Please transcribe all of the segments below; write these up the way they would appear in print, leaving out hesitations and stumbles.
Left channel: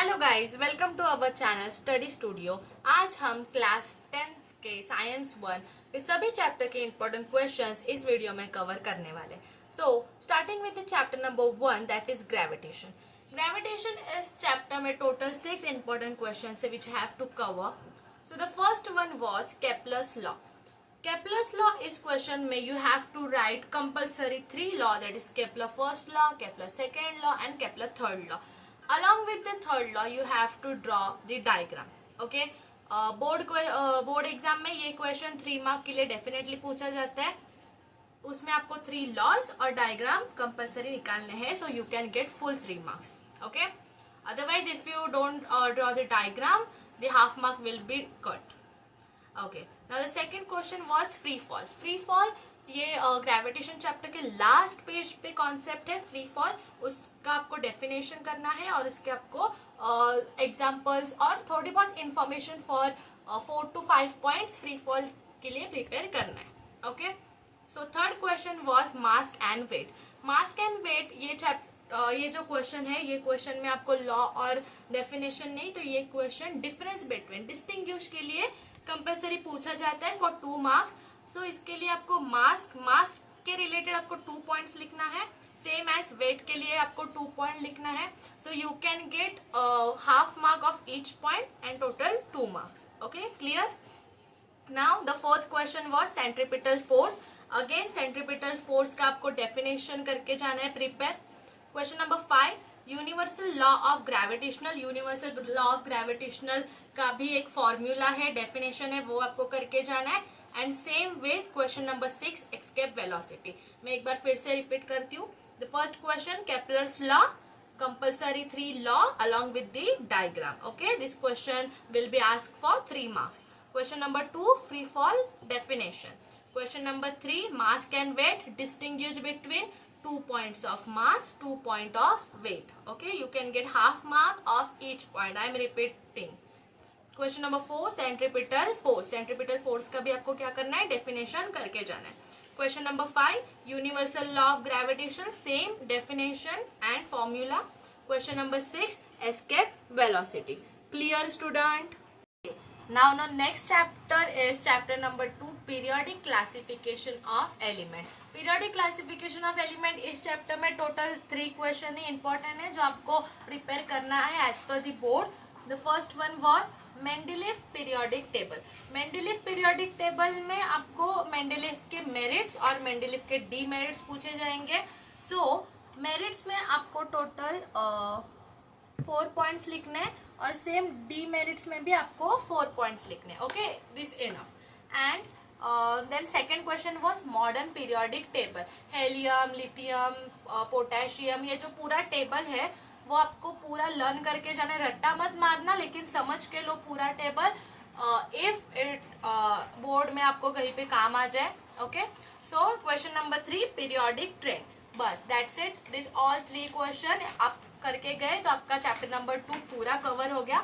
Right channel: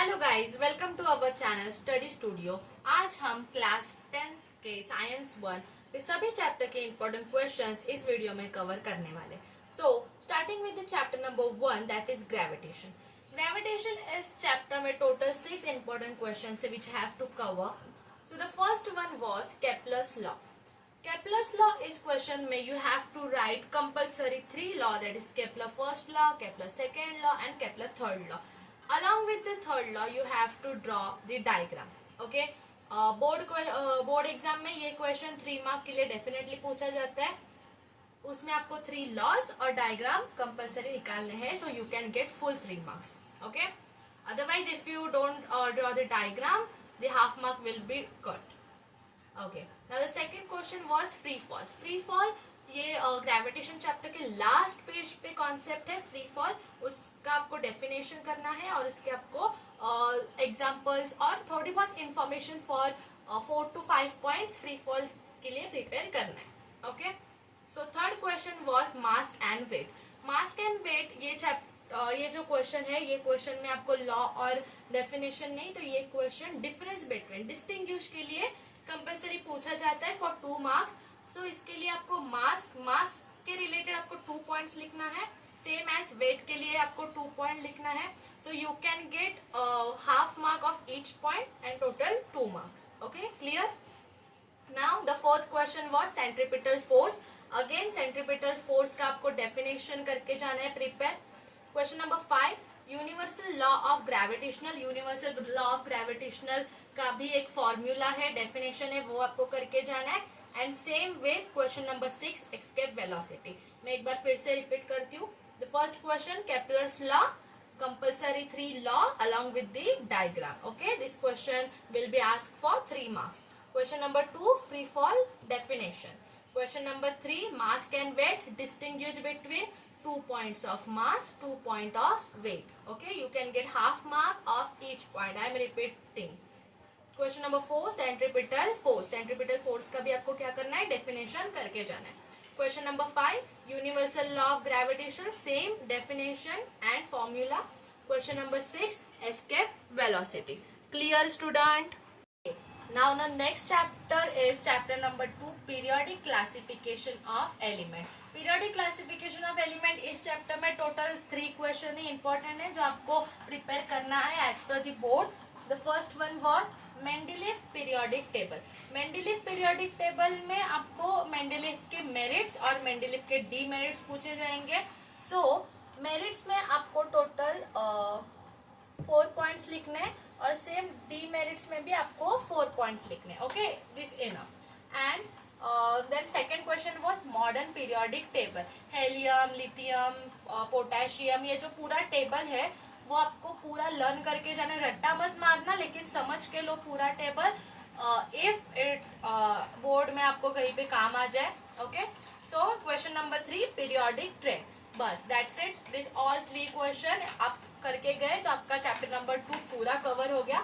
Hello guys, welcome to our channel study studio. आज हम class 10th के science 1 के सभी चैप्टर के इंपॉर्टेंट क्वेश्चंस इस वीडियो में कवर करने वाले। So starting with the chapter number 1, that is gravitation. Gravitation इस चैप्टर में टोटल 6 इंपॉर्टेंट क्वेश्चंस है which have to cover. So the first one was Kepler's law. Kepler's law is question में you have to write compulsory 3 law, that is Kepler first law, Kepler second law and Kepler third law. Along with the third law you have to draw the diagram. Okay, board exam में ये question 3 mark के लिए definitely पूछा जाता है। उसमें आपको 3 laws और डायग्राम कंपल्सरी निकालने हैं, सो you can get full 3 marks. Okay, otherwise if you don't draw the diagram the half mark will be cut. Okay, now the second question was free fall. Free fall ये gravitation chapter के last page पे concept है free fall. उसका आपको definition करना है और इसके आपको एग्जांपल्स और थोड़ी बहुत information for 4 to 5 points free fall के लिए प्रिपेयर करना है। Okay, so third question was mass and weight. Mass and weight ये जो क्वेश्चन है, ये क्वेश्चन में आपको लॉ और डेफिनेशन नहीं, तो ये क्वेश्चन डिफरेंस बिटवीन डिस्टिंग्विश के लिए कंपल्सरी पूछा जाता है फॉर 2 मार्क्स। सो इसके लिए आपको मास के रिलेटेड आपको 2 पॉइंट्स लिखना है, सेम एज वेट के लिए आपको 2 पॉइंट लिखना है। सो you can get half mark of each point and total 2 marks. Okay, clear. Now the fourth question was centripetal force. Again centripetal force का आपको डेफिनेशन करके जाना है prepare. Question number 5, universal law of gravitational. Universal law of gravitational का भी एक formula है, definition है, वो आपको करके जाना है। And same with question number 6, escape velocity. मैं एक बार फिर से रिपीट करती हूँ। The first question Kepler's law, compulsory 3 law along with the diagram. Okay, this question will be asked for 3 marks. Question number 2, free fall definition. Question number 3, mass and weight, distinguish between 2 points of mass, 2 point of weight. Okay, you can get half mark of each point. I am repeating. Question number 4, centripetal force. Centripetal force का भी आपको क्या करना है, definition करके जाना है। Question number 5, universal law of gravitation, same definition and formula. Question number 6, escape velocity. Clear, student? Now the next chapter is chapter number 2, periodic classification of element. Periodic classification of element इस chapter में total 3 question है, important है, जो आपको prepare करना है as per the board. The first one was Mendeleev periodic table. Mendeleev periodic table में आपको Mendeleev के merits और Mendeleev के demerits पूछे जाएंगे। So merits में आपको total 4 पॉइंट्स लिखने और सेम डीमेरिट्स में भी आपको 4 पॉइंट्स लिखने। Okay, this enough. And then second question was modern periodic table. Helium, lithium, potassium, ये जो पूरा टेबल है वो आपको पूरा लर्न करके जाना, रट्टा मत मारना, लेकिन समझ के लो पूरा टेबल, इफ इट बोर्ड में आपको कहीं पे काम आ जाए। Okay, so question number 3, periodic trend. बस that's it. This all 3 question आप करके गए तो आपका चैप्टर नंबर 2 पूरा कवर हो गया।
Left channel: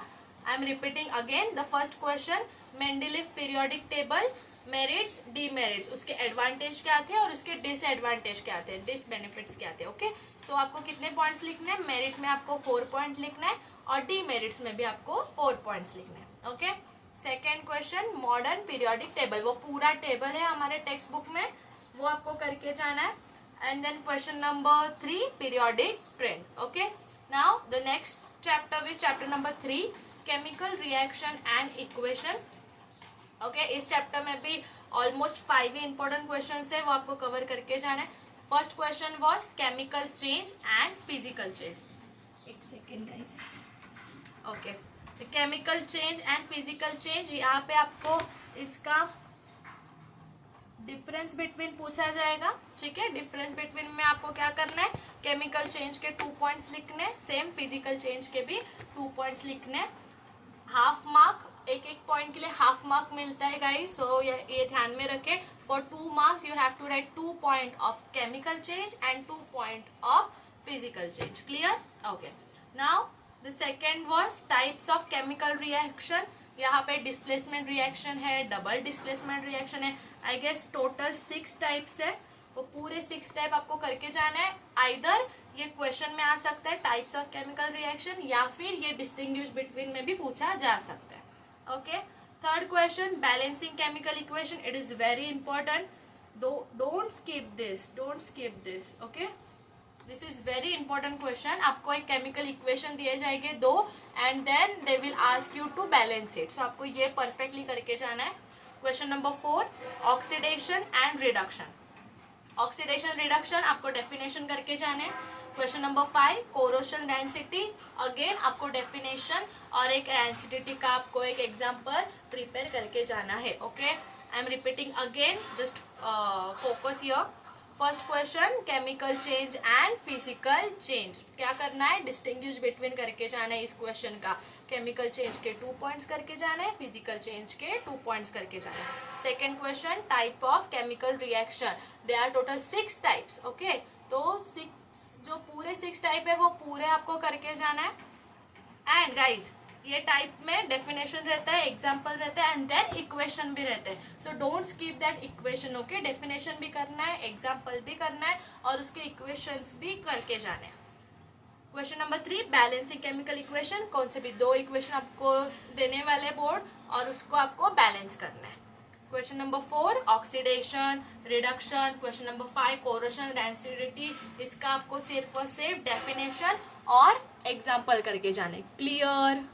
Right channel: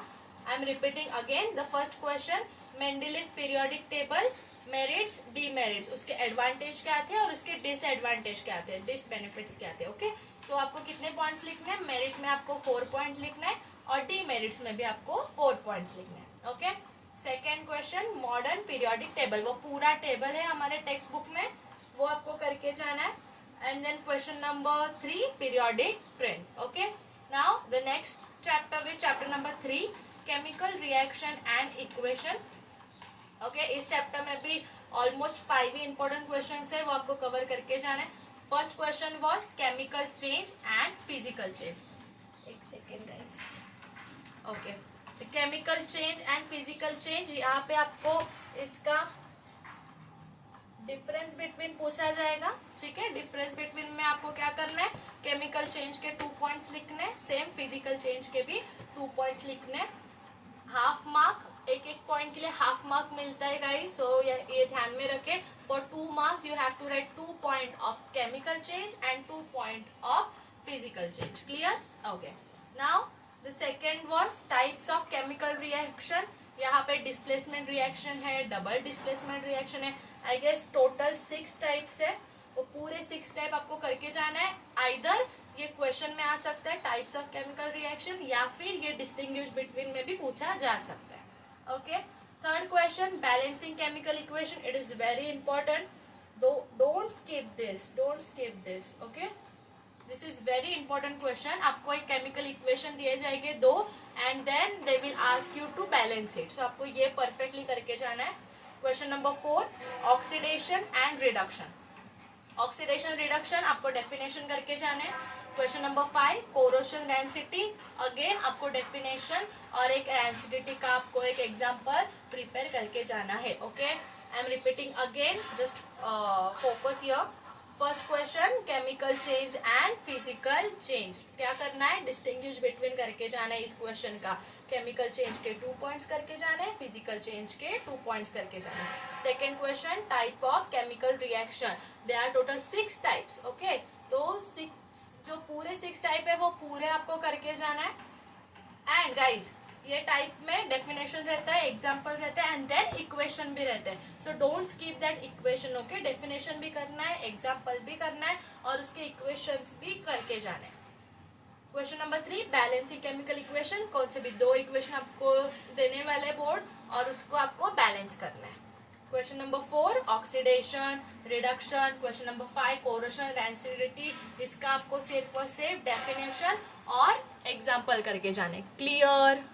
आई am repeating again the first question, Mendeleev periodic table, merits, demerits, उसके एडवांटेज क्या थे और उसके डिसएडवांटेज क्या थे, डिसबेनिफिट्स क्या थे। ओके, सो आपको कितने पॉइंट्स लिखने हैं, मेरिट में आपको 4 पॉइंट लिखना है और डीमेरिट्स में भी आपको 4 पॉइंट्स लिखना है। Okay, second question, modern periodic table, वो पूरा टेबल है हमारे टेक्स्ट बुक में, वो आपको करके जाना है। And then question number 3, periodic trend. Okay, now the next chapter is chapter number 3, chemical reaction and equation. Okay, इस चैप्टर में भी ऑलमोस्ट 5 ही इंपॉर्टेंट क्वेश्चंस है, वो आपको कवर करके जाना है। First question was chemical change and physical change. एक second guys. Okay, chemical change and physical change, यहाँ पे आपको इसका डिफरेंस बिटवीन पूछा जाएगा। ठीक है, डिफरेंस बिटवीन में आपको क्या करना है, केमिकल चेंज के 2 पॉइंट्स लिखने, सेम फिजिकल चेंज के भी 2 पॉइंट्स लिखने। हाफ मार्क, एक पॉइंट के लिए हाफ मार्क मिलता है गाइस, सो ये ध्यान में रखें। For 2 marks you have to write 2 point of chemical change and 2 point of physical change. Clear? Okay, now the second was types of chemical reaction. यहाँ पे डिस्प्लेसमेंट रिएक्शन है, डबल डिस्प्लेसमेंट रिएक्शन है, I guess total 6 types है, वो पूरे 6 type आपको करके जाना है। आइदर ये क्वेश्चन में आ सकता है, टाइप्स ऑफ केमिकल रिएक्शन, या फिर ये डिस्टिंग्विश बिटवीन में भी पूछा जा सकता है। Okay, third question, balancing chemical equation, it is very important, don't skip this. Okay, this is very important question. आपको एक केमिकल इक्वेशन दिए जाएंगे दो, and then they will ask you to balance it, so आपको ये perfectly करके जाना है। Question number 4, oxidation and reduction. Oxidation reduction आपको डेफिनेशन करके जाना है। Question number 5, corrosion density, again आपको डेफिनेशन और एक डेंसिटी का आपको एक एग्जांपल प्रिपेयर करके जाना है। Okay, I am repeating again, just focus here. First question, chemical change and physical change, क्या करना है, डिस्टिंग्विश बिटवीन करके जाना है इस क्वेश्चन का। केमिकल चेंज के 2 पॉइंट्स करके जाना है, फिजिकल चेंज के 2 पॉइंट्स करके जाना है। Second question, type of chemical reaction, they are total 6 types. Okay, तो 6 जो पूरे 6 टाइप है वो पूरे आपको करके जाना है। एंड गाइज, ये टाइप में डेफिनेशन रहता है, एग्जाम्पल रहता है, एंड देन इक्वेशन भी रहता है, so don't skip that equation. Okay, definition भी करना है, एग्जाम्पल भी करना है, और उसके इक्वेशंस भी करके जाने हैं। Question number 3, balancing chemical equation, कौन से भी 2 इक्वेशन आपको देने वाले बोर्ड, और उसको आपको बैलेंस करना है। Question number 4, oxidation reduction. Question number 5, corrosion density, इसका आपको सिर्फ और सिर्फ डेफिनेशन और एग्जाम्पल करके जाने। Clear?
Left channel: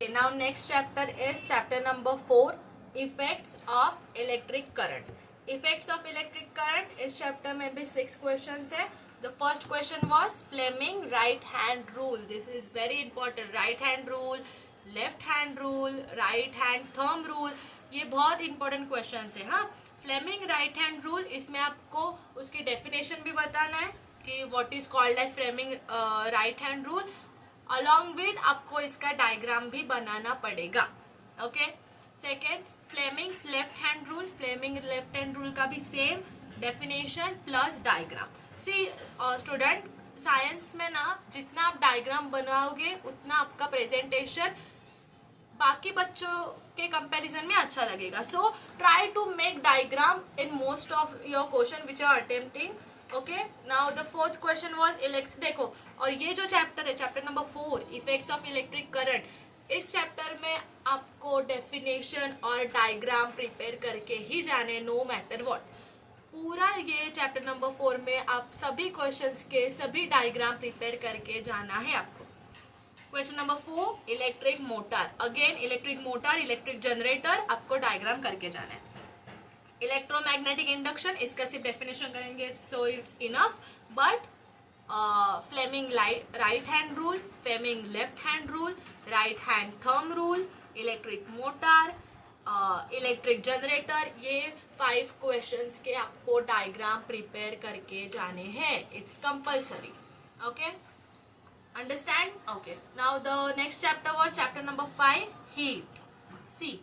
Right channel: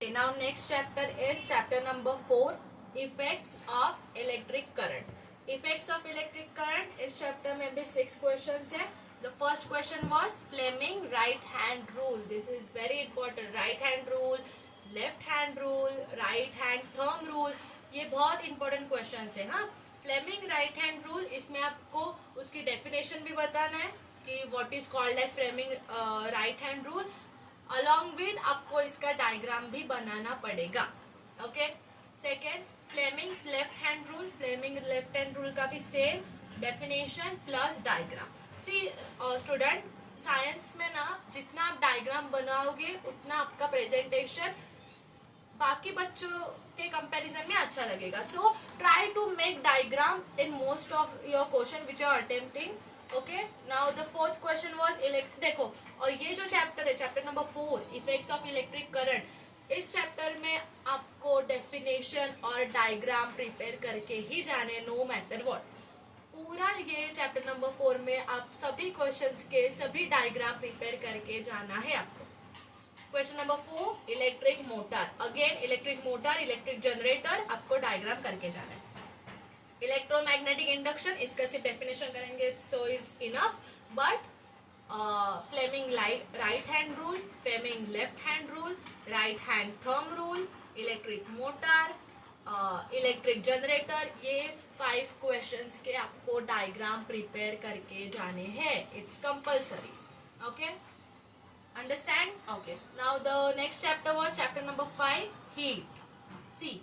Now next chapter is chapter number 4, effects of electric current. Effects of electric current इस chapter में भी 6 questions है। The first question was Fleming right hand rule. This is very important. Right hand rule, left hand rule, right hand thumb rule. ये बहुत important questions है। हाँ, Fleming right hand rule, इसमें आपको उसकी definition भी बताना है कि what is called as Fleming right hand rule. Along with आपको इसका डायग्राम भी बनाना पड़ेगा। Okay, second, Fleming's left hand rule. Fleming left hand rule का भी same definition plus diagram. See student, science में ना जितना आप डायग्राम बनाओगे उतना आपका प्रेजेंटेशन बाकी बच्चों के कंपैरिजन में अच्छा लगेगा। So try to make diagram in most of your question which are attempting. Okay, now the fourth question was देखो, और ये जो चैप्टर है, chapter number 4, effects of electric current, इस चैप्टर में आपको डेफिनेशन और डायग्राम प्रिपेयर करके ही जाने, नो मैटर व्हाट। पूरा ये चैप्टर नंबर 4 में आप सभी क्वेश्चंस के सभी डायग्राम प्रिपेयर करके जाना है आपको। Question number 4, electric motor, again electric motor, electric generator, आपको डायग्राम करके जाना है। इलेक्ट्रोमैग्नेटिक इंडक्शन, इसका सिर्फ डेफिनेशन करेंगे so it's enough, but Fleming right hand rule, Fleming left hand rule, right hand thumb rule, electric motor, electric generator, ये 5 questions के आपको डायग्राम प्रिपेयर करके जाने हैं। It's compulsory. Okay, understand? Okay, now the next chapter was chapter number 5, heat. See,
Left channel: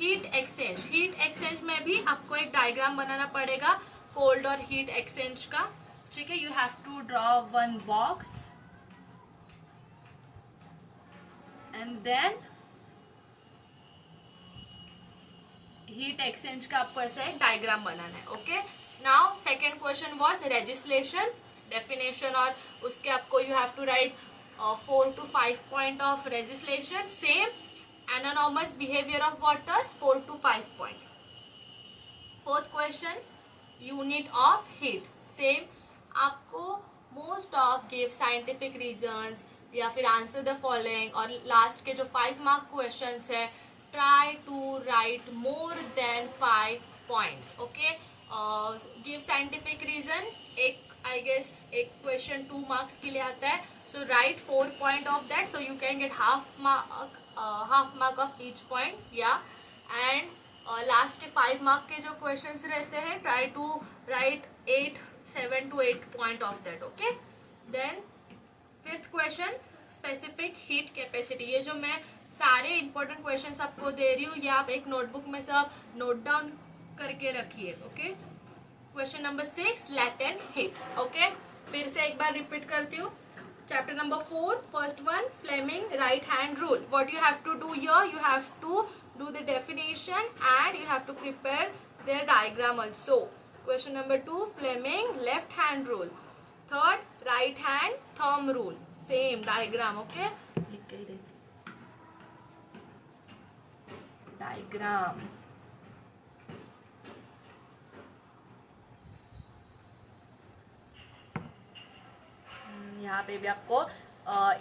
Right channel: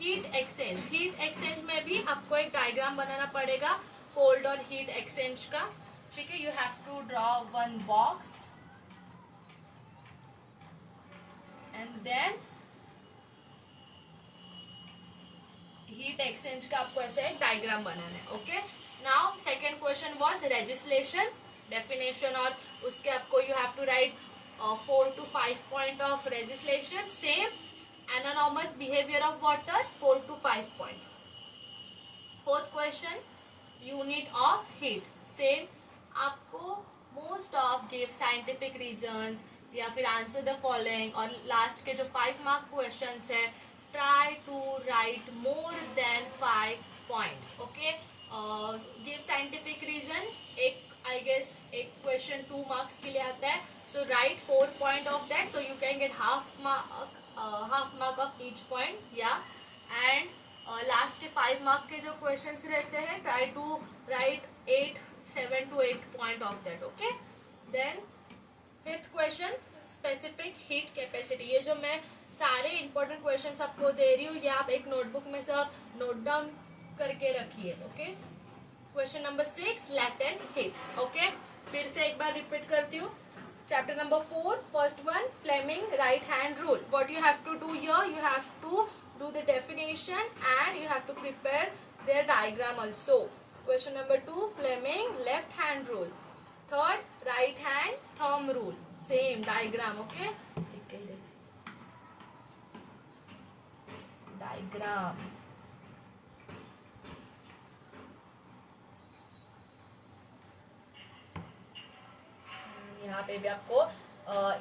heat exchange. Heat exchange में भी आपको एक डायग्राम बनाना पड़ेगा कोल्ड और हीट एक्सचेंज का। ठीक है, you have to draw one box and then heat exchange का आपको ऐसा एक डायग्राम बनाना है। Okay, now second question was legislation, definition, और उसके आपको you have to write 4 to 5 point of legislation. Same anomalous behaviour of water, 4 to 5 point. Fourth question, unit of heat. Same आपको most of give scientific reasons या फिर answer the following, और last के जो 5 mark questions है, try to write more than 5 points. Okay, give scientific reason, एक I guess एक question 2 marks के लिए आता है, so write 4 point of that, so you can get half mark of each point. या एंड लास्ट के 5 mark के जो क्वेश्चंस रहते हैं, try to write 7 to 8 point of that. Okay, then fifth question, specific heat capacity. ये जो मैं सारे इंपॉर्टेंट क्वेश्चंस आपको दे रही हूँ, ये आप एक नोटबुक में सब नोट डाउन करके रखिए। Okay, question number 6, latent heat. Okay, फिर से एक बार रिपीट करती हूँ। Chapter number 4, first one, Fleming right hand rule. What you have to do here, you have to do the definition and you have to prepare their diagram also. Question number 2 Fleming left hand rule. Third right hand thumb rule. Same diagram. Okay, लिख के देते diagram. यहाँ पे भी आपको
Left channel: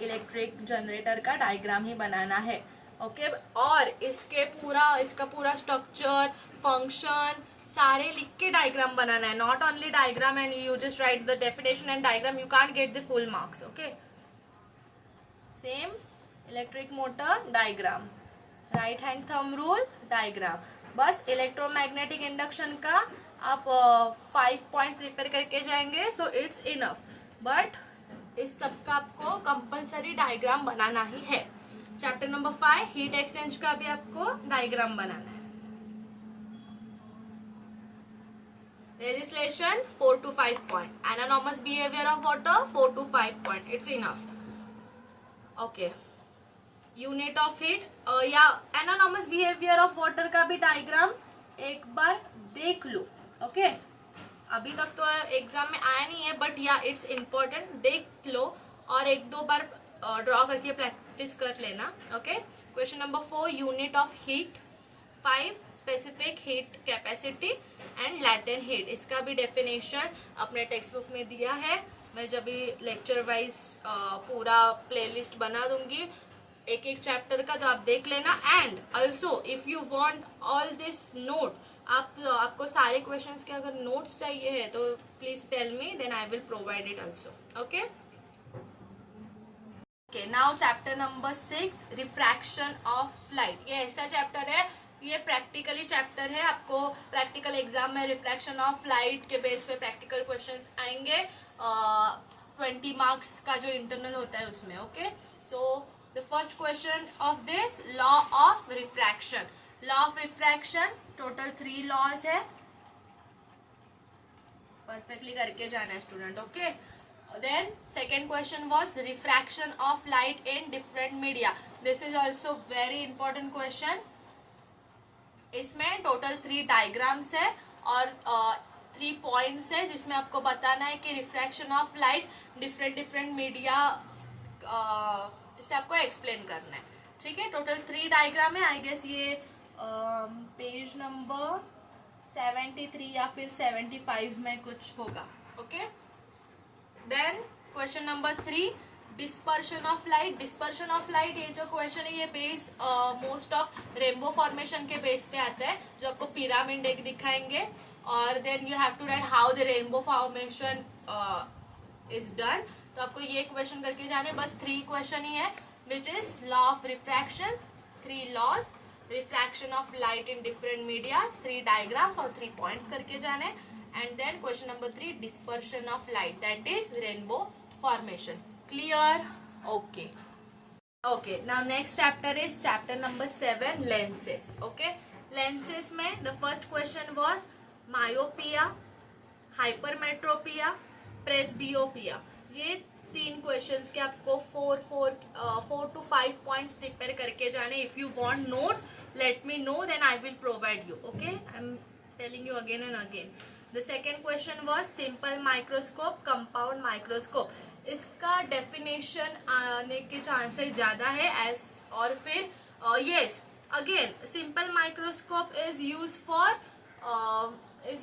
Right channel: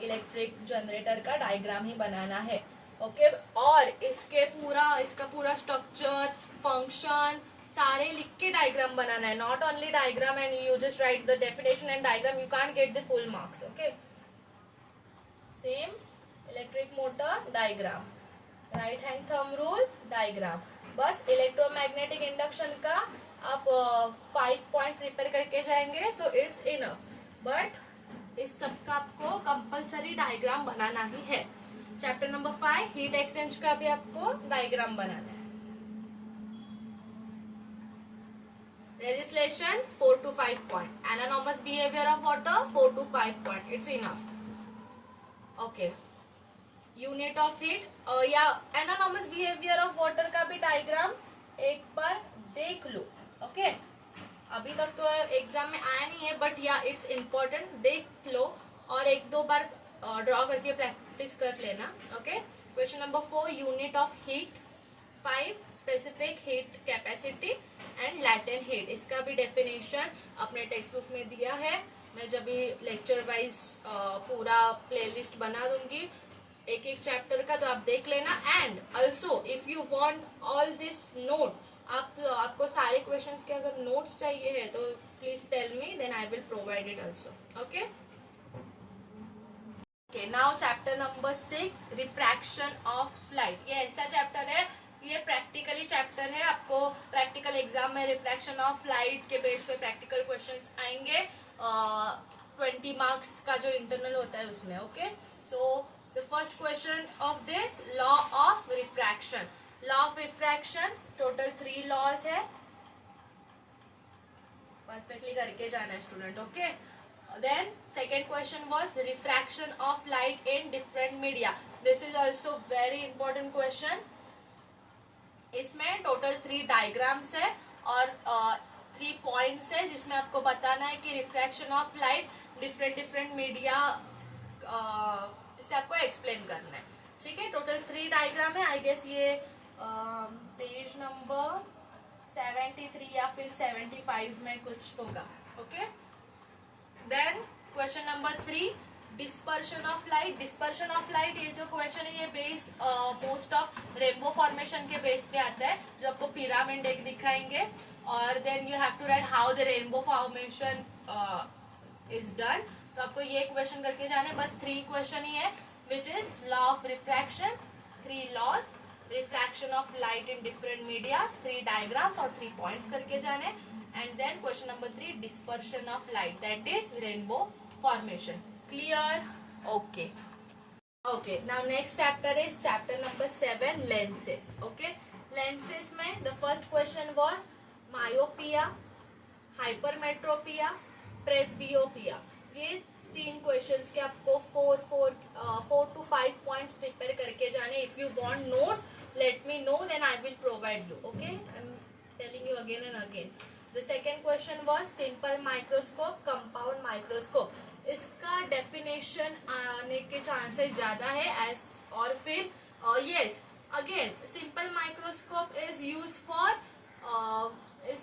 electric generator का diagram ही बनाना है. ओके, और इसका पूरा स्ट्रक्चर, फंक्शन सारे लिख के डायग्राम बनाना है. Not only diagram and you just right the definition and diagram, you can't get the full marks. Okay, same electric motor diagram, right hand thumb rule diagram. बस electromagnetic induction का आप 5 point prepare करके जाएंगे, सो it's enough. But इस सब का आपको compulsory diagram बनाना ही है. चैप्टर नंबर 5 हीट एक्सचेंज का भी आपको डायग्राम बनाना है. Legislation 4 to 5 point. Anomalous behaviour of water 4 to 5 point. It's enough. Okay, unit of heat या एनानॉमस बिहेवियर ऑफ वाटर का भी डायग्राम एक बार देख लो. ओके, अभी तक तो एग्जाम में आया नहीं है, बट या इट्स इम्पोर्टेंट. देख लो और एक दो बार ड्रॉ करके प्रैक्टिस कर लेना. Okay, question number 4 unit of heat. 5 specific heat capacity and latent heat. इसका भी डेफिनेशन अपने टेक्स्ट बुक में दिया है. मैं जब भी लेक्चर वाइज पूरा प्लेलिस्ट बना दूंगी एक एक चैप्टर का, तो आप देख लेना. And also if you want all this note, आपको सारे क्वेश्चंस के अगर नोट्स चाहिए है तो please tell me, then I will provide it also. Okay, okay, now chapter number 6 refraction of light. ये ऐसा चैप्टर है, ये प्रैक्टिकली चैप्टर है. आपको प्रैक्टिकल एग्जाम में रिफ्रैक्शन ऑफ लाइट के बेस पे प्रैक्टिकल क्वेश्चंस आएंगे. 20 मार्क्स का जो इंटरनल होता है उसमें. Okay, so the first question of this, law of refraction. Law of refraction total 3 laws है. परफेक्टली करके जाना है student. Okay, then second question was refraction of light in different media. This is also very important question. इसमें total 3 diagrams है और 3 points है, जिसमें आपको बताना है कि refraction of light different media इसे आपको एक्सप्लेन करना है. ठीक है, टोटल 3 डायग्राम है. आई गेस ये पेज नंबर 73 या फिर 75 में कुछ होगा. Okay, then question number 3 dispersion of light. Dispersion of light ये जो क्वेश्चन है ये base most of rainbow formation के बेस पे आता है, जो आपको पिरामिड एक दिखाएंगे. और then you have to write how the rainbow formation is done. तो आपको ये क्वेश्चन करके जाने. बस 3 क्वेश्चन ही है, which is law of refraction, 3 laws, refraction of light in different medias, 3 diagrams और 3 पॉइंट्स करके जाने. And then question number 3 dispersion of light, that is rainbow formation. Clear? Okay. Okay. Now next chapter is chapter number 7, lenses. Okay. Lenses में the first question was myopia, hypermetropia, presbyopia. ये 3 questions के आपको 4 to 5 points prepare करके जाने. If you want notes, let me know, then I will provide you. Okay. I'm telling you again and again. The second question was simple microscope, compound microscope. इसका definition आने के chances ज्यादा है. S और फिर yes again simple microscope is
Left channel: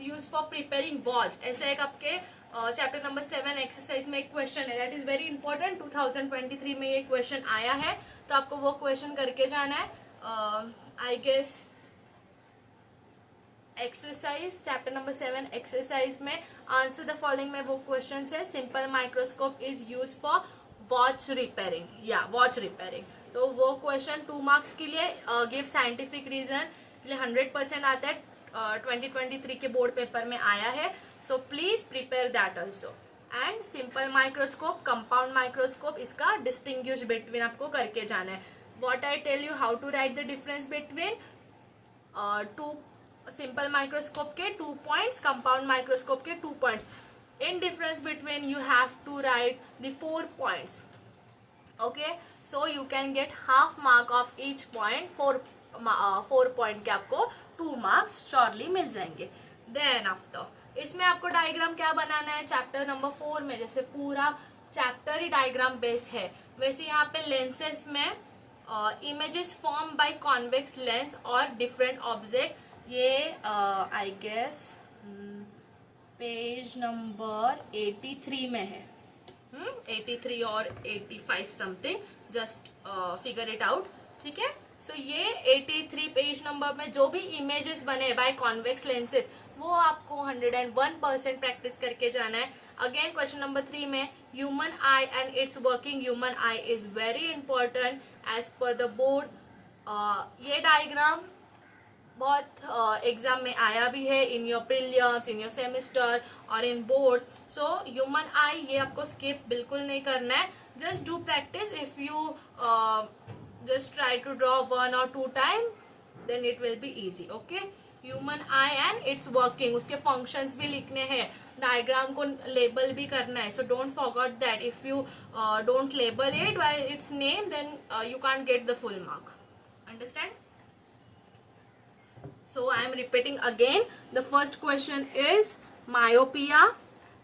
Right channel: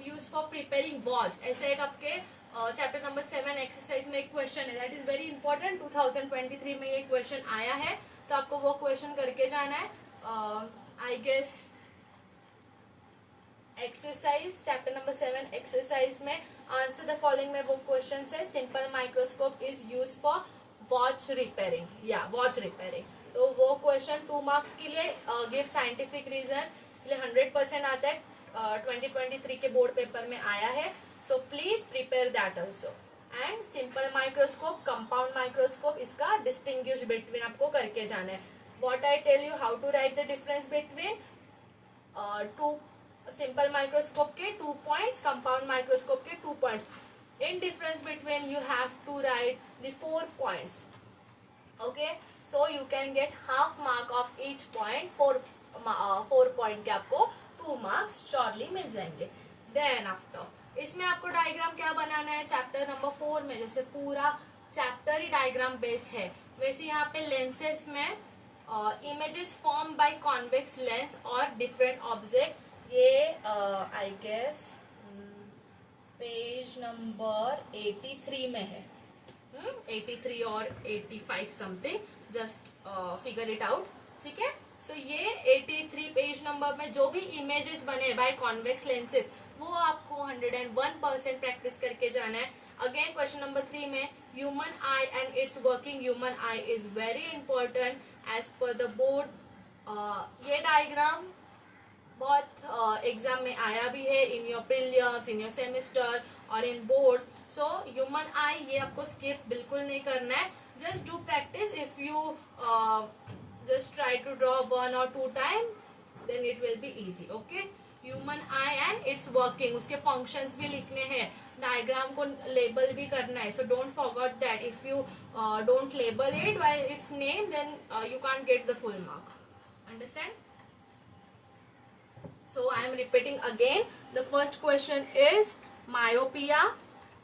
use for preparing watch. ऐसा एक आपके चैप्टर नंबर 7 एक्सरसाइज में एक क्वेश्चन है, दैट इज वेरी इंपॉर्टेंट. 2023 में ये क्वेश्चन आया है, तो आपको वो क्वेश्चन करके जाना है. I guess exercise chapter number 7 exercise में आंसर द फॉलोइंग में वो क्वेश्चन है. Simple microscope is use for watch repairing या वॉच रिपेयरिंग. तो वो क्वेश्चन 2 मार्क्स के लिए गिव साइंटिफिक रीजन 100% आता है. 2023 के बोर्ड पेपर में आया है, so please prepare that also. And simple microscope, compound microscope, इसका डिस्टिंग्विश बिटवीन आपको करके जाना है. What I tell you, how to write the difference between 2 simple microscope के 2 पॉइंट्स, कंपाउंड माइक्रोस्कोप के 2 points. In difference between you have to write the 4 points. Okay, so you can get half mark of each point. 4 point के आपको 2 marks surely मिल जाएंगे. Then after इसमें आपको diagram क्या बनाना है chapter number 4 में, जैसे पूरा चैप्टर ही डायग्राम बेस है, वैसे यहाँ पे लेंसेस में images form by convex lens और डिफरेंट ऑब्जेक्ट, ये आई गेस पेज नंबर 83 में है, 83 और 85 something, just figure it out, ठीक है। सो ये 83 पेज नंबर में जो भी इमेजेस बने बाय कॉन्वेक्स लेंसेज वो आपको 101% प्रैक्टिस करके जाना है। अगेन क्वेश्चन नंबर 3 में human eye and its working, human eye is very important as per the board. ये डायग्राम बहुत एग्जाम में आया भी है, in your prelims, in your semester और इन बोर्ड्स। सो ह्यूमन आई ये आपको स्किप बिल्कुल नहीं करना है, just do practice. If you just try to draw 1 or 2 times, then it will be easy, okay? Human eye and its working, उसके functions भी लिखने हैं, डायग्राम को लेबल भी करना है, so don't forget that. If you don't label it by its name, then you can't get the full mark. Understand? So I am repeating again. The first question is myopia,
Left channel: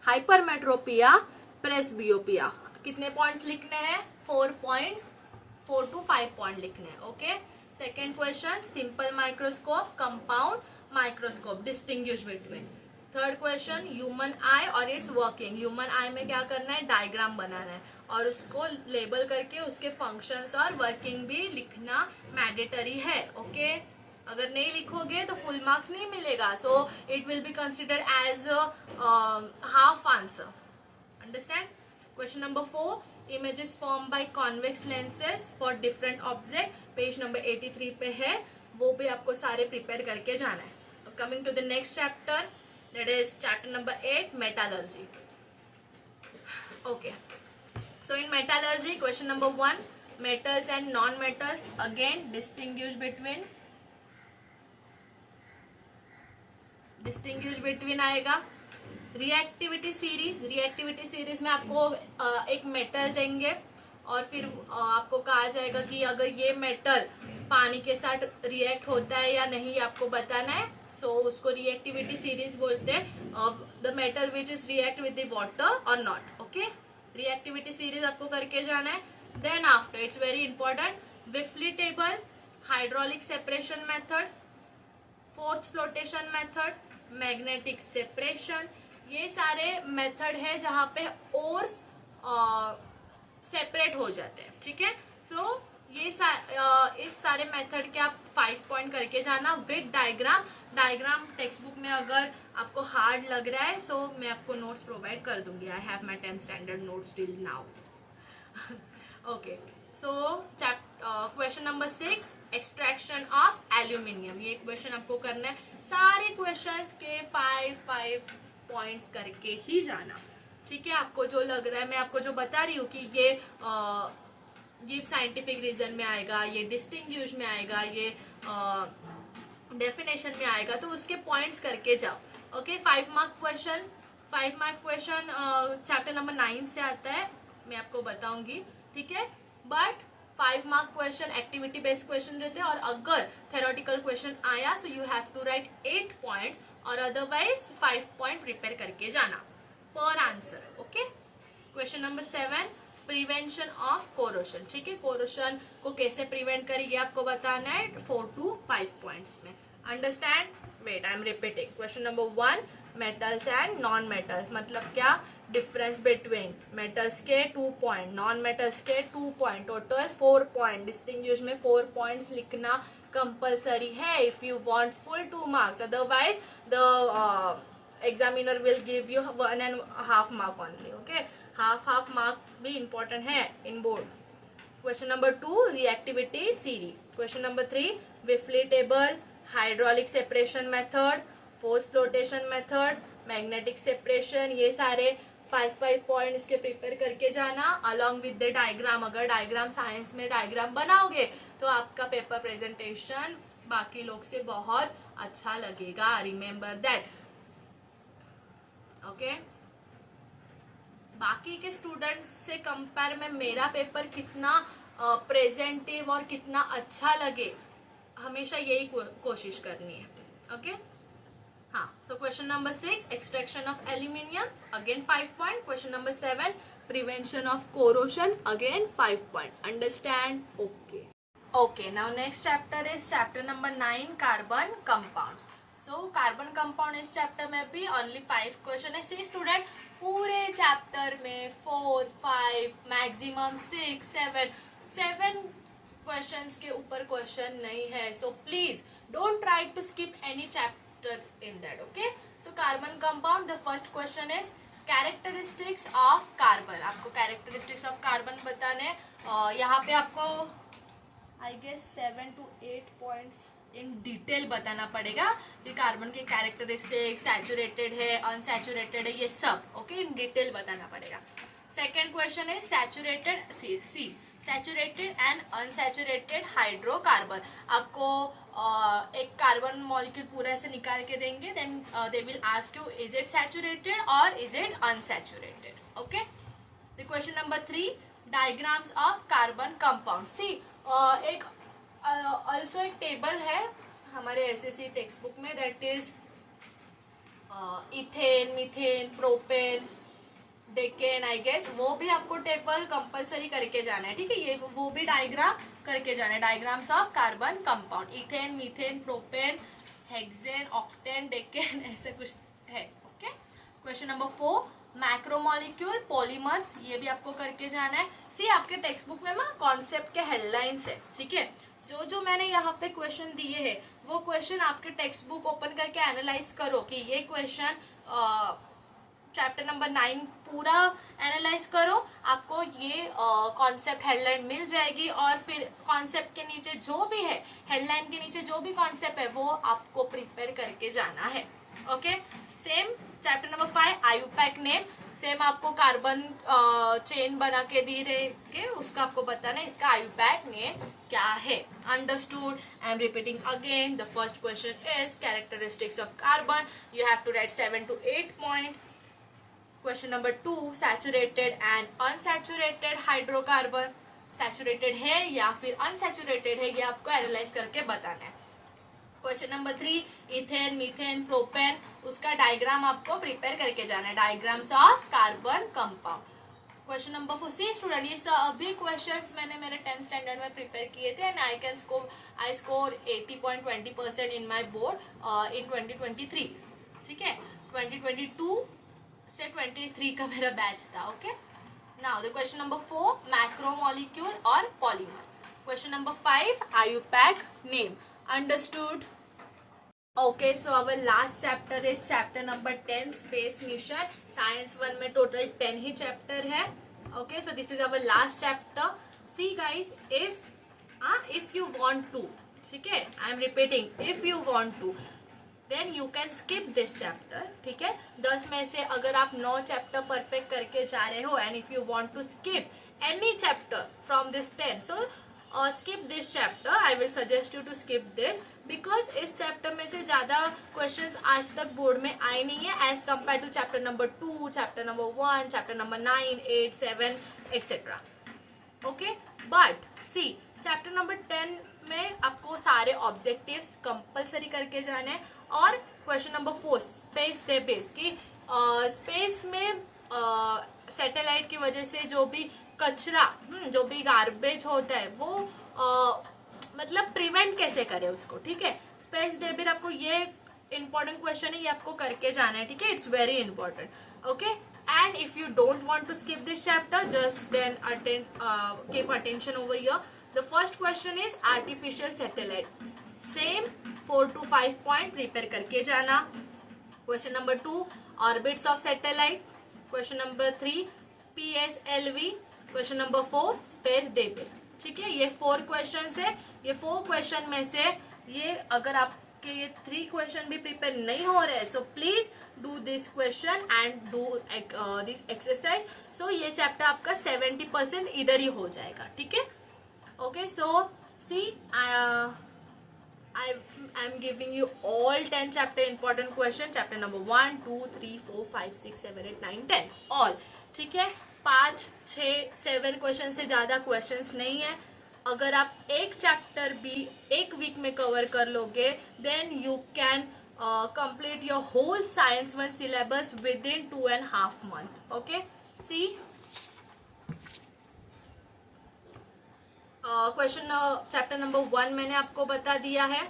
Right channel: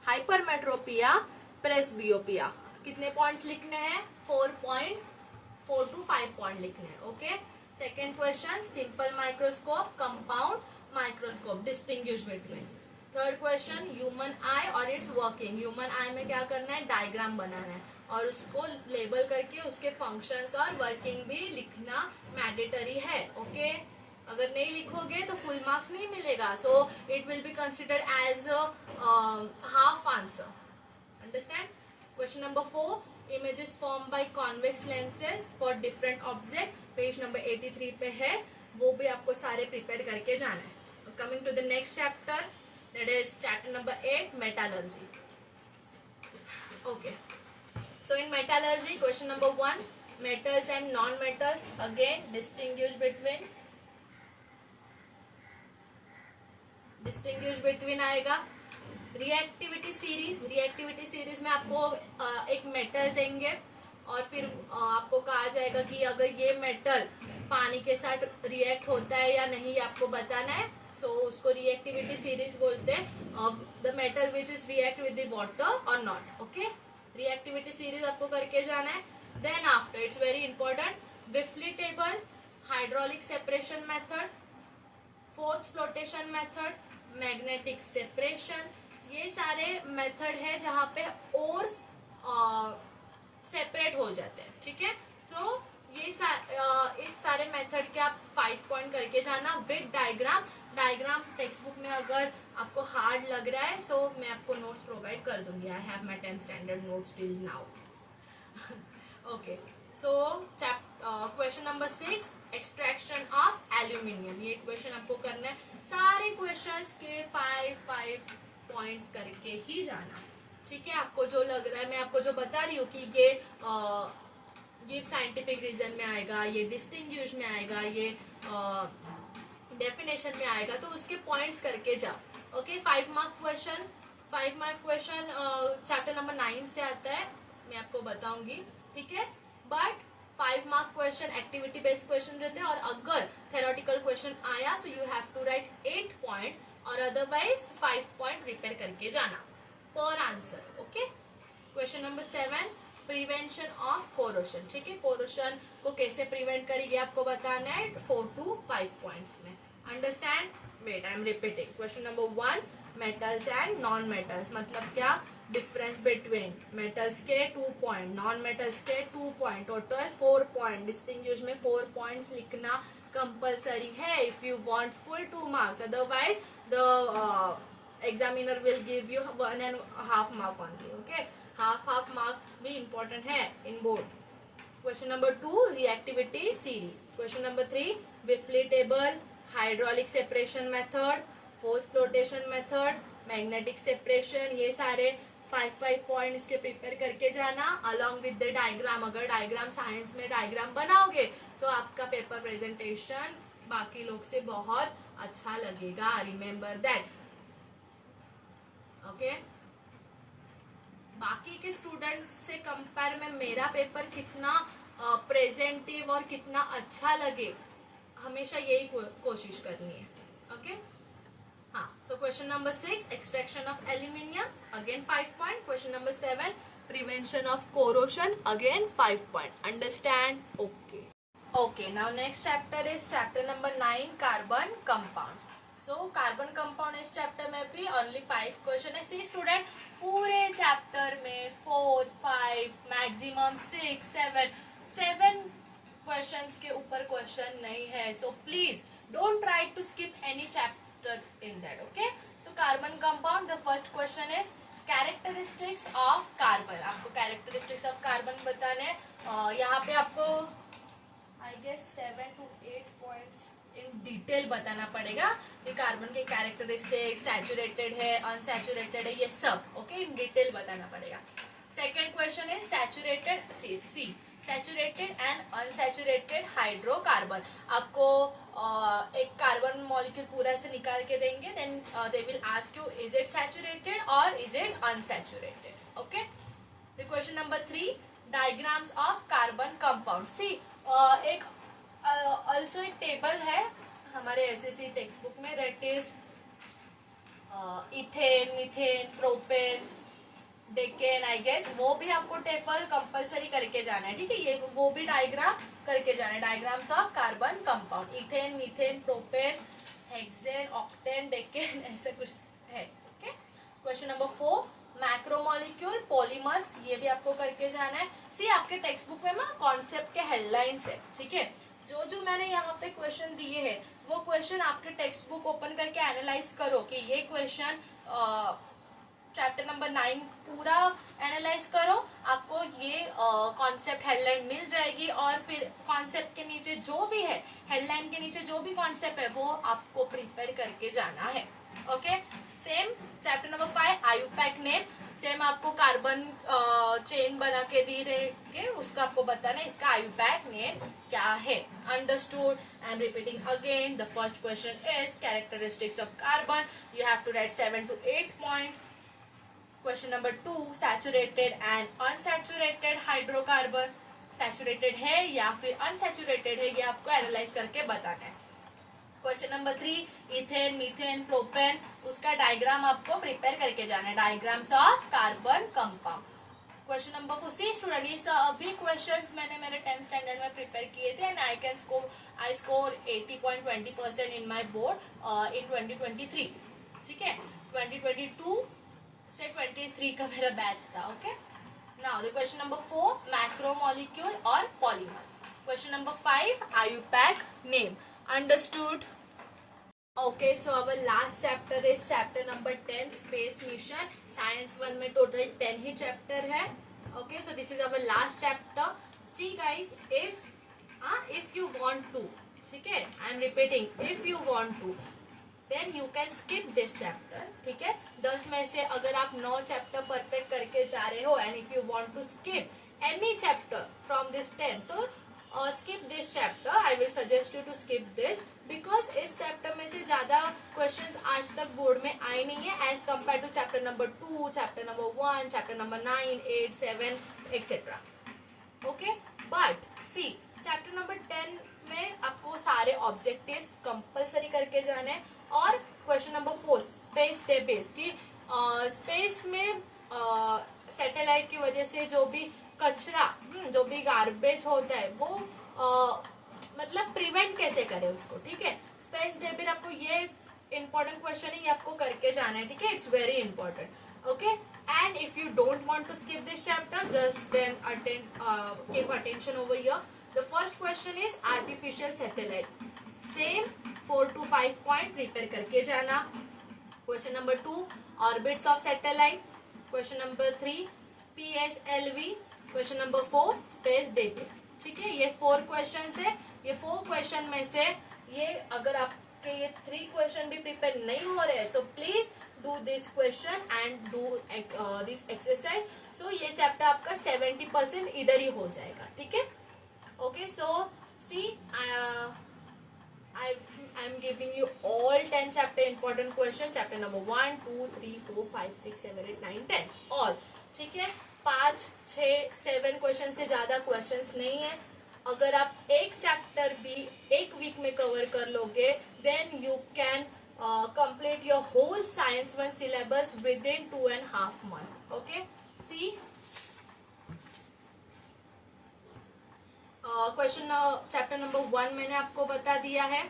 hypermetropia, presbyopia. कितने points लिखने हैं? 4 points, 4 to 5 point लिखने हैं, okay. Second question simple microscope, compound microscope, distinguish between. Third question human आई और it's working, human आई में क्या करना है, डायग्राम बनाना है और उसको लेबल करके उसके फंक्शंस और वर्किंग भी लिखना मैंडेटरी है, ओके। अगर नहीं लिखोगे तो फुल मार्क्स नहीं मिलेगा, so it will be considered as half answer. Understand? Question number 4 images formed by convex lenses for different object, page number 83 पे है, वो भी आपको सारे प्रिपेयर करके जाना है। Coming to the next chapter, that is chapter number 8 metallurgy, okay. So in metallurgy question number 1 metals and non metals, again distinguish between आएगा। रिएक्टिविटी सीरीज में आपको एक मेटल देंगे और फिर आपको कहा जाएगा कि अगर ये मेटल पानी के साथ रिएक्ट होता है या नहीं आपको बताना है, सो उसको रिएक्टिविटी सीरीज बोलते हैं। The metal which is react with the water और नॉट, ओके। रिएक्टिविटी सीरीज आपको करके जाना है। Then after it's very important, Wilfley table, hydraulic separation method, froth flotation method, magnetic separation, ये सारे मेथड है जहां पे ओर्स सेपरेट हो जाते हैं, ठीक है। तो ये इस सारे मेथड के आप 5 पॉइंट करके जाना with diagram. Diagram text book में अगर आपको हार्ड लग रहा है सो मैं आपको नोट्स प्रोवाइड कर दूंगी, I have my 10th standard notes till now, okay. So question number 6 extraction of aluminium, ये क्वेश्चन आपको करना है, सारे क्वेश्चंस के 5 पॉइंट्स करके ही जाना, ठीक है। आपको जो लग रहा है, मैं आपको जो बता रही हूँ कि ये साइंटिफिक रीजन में आएगा, ये डिस्टिंग्विश में आएगा, ये डेफिनेशन में आएगा, तो उसके पॉइंट्स करके जाओ, okay. 5 mark question chapter number 9 से आता है, मैं आपको बताऊंगी, ठीक है। But 5 mark question activity based question रहते हैं और अगर थेरोटिकल क्वेश्चन आया so you have to write 8 points और अदरवाइज 5 पॉइंट प्रिपेयर करके जाना per answer, okay. Question number 7 prevention of corrosion, ठीक है। कोरोशन को कैसे प्रिवेंट करेंगे आपको बताना है 4 to 5 पॉइंट्स में। Understand? Wait, I am repeating. Question number 1 metals and non metals, मतलब क्या, डिफरेंस बिटवीन मेटल्स के 2 पॉइंट, नॉन मेटल्स के 2 पॉइंट, टोटल 4 पॉइंट। डिस्टिंग्विश में 4 पॉइंट्स लिखना कंपल्सरी है if you want full 2 marks, otherwise the examiner will give you 1.5 mark only, okay. Half mark भी important है in board. Question number 2 reactivity series, question number 3 Wilfley table, hydraulic separation method, froth flotation method, magnetic separation, ये सारे 5 point इसके prepare करके जाना along with the diagram. अगर diagram science में diagram बनाओगे तो आपका पेपर प्रेजेंटेशन बाकी लोग से बहुत अच्छा लगेगा, रिमेम्बर दैट, ओके। बाकी के स्टूडेंट्स से कंपेयर में मेरा पेपर कितना प्रेजेंटिव और कितना अच्छा लगे, हमेशा यही कोशिश करनी है, ओके। हाँ, so question number 6, extraction of aluminium, again 5 point. Question number 7, prevention of corrosion, again 5 point. Understand? Okay. Okay, now next chapter is chapter number 9, carbon compounds. So carbon compound इस chapter में भी only 5 question है. See student, पूरे chapter में 4, 5, maximum 6, 7 questions के ऊपर question नहीं है. So please don't try to skip any chapter in that. Okay, so carbon compound, the first question is characteristics of carbon. आपको characteristics of carbon बताने यहाँ पे आपको I guess 7 to 8 points in detail बताना पड़ेगा कि कार्बन के characteristics, saturated है, अनसैचुरेटेड है, ये सब ओके इन डिटेल बताना पड़ेगा. सेकेंड क्वेश्चन है saturated saturated and unsaturated hydrocarbon. आपको एक कार्बन मॉलिक्यूल पूरा ऐसे निकाल के देंगे, then they will ask you is it saturated और is it unsaturated. Okay, the question number 3, diagrams of carbon compound. See एक ऑल्सो एक टेबल है हमारे एसएससी टेक्स्ट बुक में, that is ethane, methane, propane, decane, I guess. वो भी आपको table compulsory करके जाना है. ठीक है, ये वो भी डायग्राम करके जाना है. Diagrams of carbon compound, ethane, methane, propane, hexane, octane, decane, ऐसे कुछ है. Okay, question number 4, macromolecule polymers, ये भी आपको करके जाना है. सी आपके टेक्स्ट बुक में ना कॉन्सेप्ट के हेडलाइंस है. ठीक है, जो जो मैंने यहाँ पे क्वेश्चन दिए हैं वो क्वेश्चन आपके टेक्स्ट बुक ओपन करके एनालाइज करो कि ये क्वेश्चन चैप्टर नंबर 9 पूरा एनालाइज करो. आपको ये कॉन्सेप्ट हेडलाइन मिल जाएगी और फिर कॉन्सेप्ट के नीचे जो भी है, हेडलाइन के नीचे जो भी कॉन्सेप्ट है वो आपको प्रिपेयर करके जाना है. Okay, same chapter number 5, IUPAC name. Same आपको कार्बन चेन बना के दी रहेंगे, उसको आपको बताना है इसका आयुपैक नेम क्या है. Understood? I am repeating again. The first question is characteristics of carbon. You have to write 7 to 8 point. Question number 2, saturated and unsaturated hydrocarbon. Saturated है या फिर अनसैचुरेटेड है, ये आपको एनालाइज करके बताना है. Question number 3, ethane, methane, propane, उसका डायग्राम आपको प्रिपेयर करके जाना है. Diagrams of carbon compound. Question number 4, see student, ये सभी क्वेश्चंस मैंने मेरे 10th स्टैंडर्ड में प्रिपेयर किए थे and I score 80.20% in my board in 2023. ठीक है, 2022 से 23 का मेरा बैच था. Okay, now the question number 4, macromolecule और polymer. Question number 5, IUPAC name. Understood? Okay, so our last chapter is chapter number 10, space mission. Science 1 में टोटल 10 ही चैप्टर है. Okay, so this is our last chapter. See guys, if you want to, ठीक है, I am repeating, if you want to then you can skip this chapter. ठीक है, 10 में से अगर आप 9 चैप्टर परफेक्ट करके जा रहे हो and if you want to skip any chapter from this 10, so skip this chapter. I will suggest you to skip this because इस चैप्टर में से ज्यादा क्वेश्चंस आज तक बोर्ड में आए नहीं है as compare to chapter number 2, chapter number 1, chapter number 9, 8, 7 etcetera. Okay, but see chapter number 10 में आपको सारे ऑब्जेक्टिव्स कंपलसरी करके जाने हैं. और क्वेश्चन नंबर 4, स्पेस डेबेस की स्पेस में सैटेलाइट की वजह से जो भी कचरा, जो भी गार्बेज होता है वो मतलब प्रिवेंट कैसे करें उसको. ठीक है, स्पेस डेबिट आपको ये इंपॉर्टेंट क्वेश्चन है, ये आपको करके जाना है. ठीक है, it's very important. Okay, and if you don't want to skip this chapter, just then keep attention over here. The first question is artificial satellite. Same 4 to 5 point prepare करके जाना. Question number 2, orbits of satellite. Question number 3, PSLV. Question number 4, space debit. ठीक है, ये 4 question है. ये 4 question में से ये अगर आपके ये 3 क्वेश्चन भी प्रिपेयर नहीं हो रहे, so please do this question and do this exercise. सो ये चैप्टर आपका 70% इधर ही हो जाएगा. ठीक है, okay. So see I am giving you all 10 chapter important question. Chapter number 1, 2, 3, 4, 5, 6, 7, 8, 9, 10 all. ठीक है, 5, 6, 7 क्वेश्चन से ज्यादा क्वेश्चंस नहीं है. अगर आप एक चैप्टर भी एक वीक में कवर कर लोगे then you can complete your whole science 1 syllabus within 2.5 months. Okay, see question chapter number 1 मैंने आपको बता दिया है,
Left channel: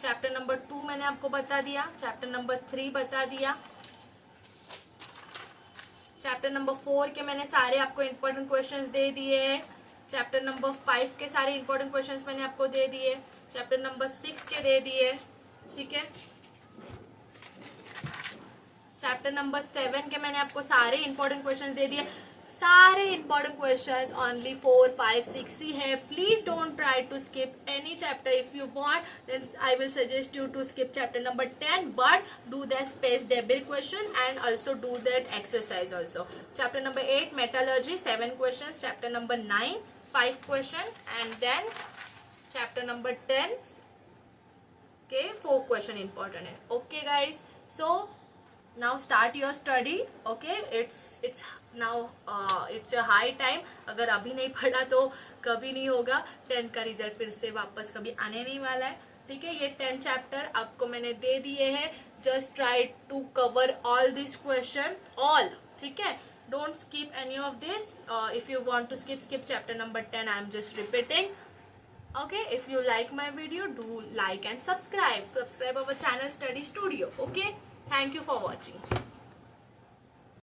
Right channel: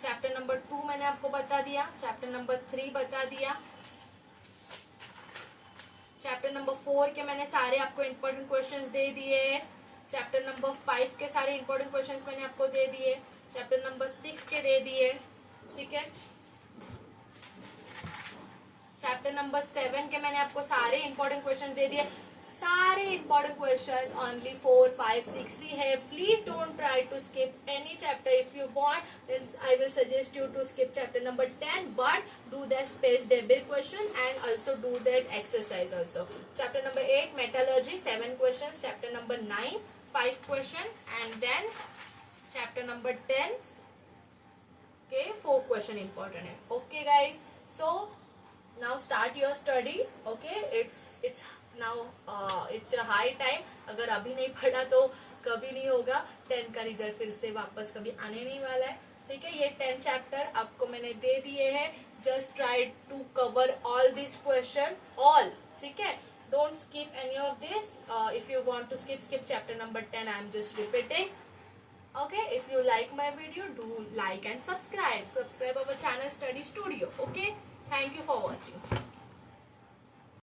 चैप्टर नंबर 2 मैंने आपको बता दिया, चैप्टर नंबर 3 बता दिया, चैप्टर नंबर 4 के मैंने सारे आपको इंपॉर्टेंट क्वेश्चंस दे दिए हैं, चैप्टर नंबर 5 के सारे इंपॉर्टेंट क्वेश्चंस मैंने आपको दे दिए, चैप्टर नंबर 6 के दे दिए, ठीक है। चैप्टर नंबर 7 के मैंने आपको सारे इंपॉर्टेंट क्वेश्चंस दे दिए, सारे इंपॉर्टेंट क्वेश्चंस ओनली 4, 5, 6 ही है। Please don't try to skip any chapter. If you want then I will suggest you to skip chapter number 10, but do that space debate question and also do that exercise also. Chapter number 8 metallurgy 7 questions, chapter number 9 5 question, and then chapter number 10 okay 4 question important है. Okay guys, so now start your study. Okay, it's now it's a high time. अगर अभी नहीं पढ़ा तो कभी नहीं होगा. 10 का रिजल्ट फिर से वापस कभी आने नहीं वाला है, ठीक है. ये 10 चैप्टर आपको मैंने दे दिए हैं. Just try to cover all this question all, ठीक है. Don't skip any of this. If you want to skip chapter number 10. I am just repeating. Okay, if you like my video, do like and subscribe our channel Study Studio. Okay, thank you for watching.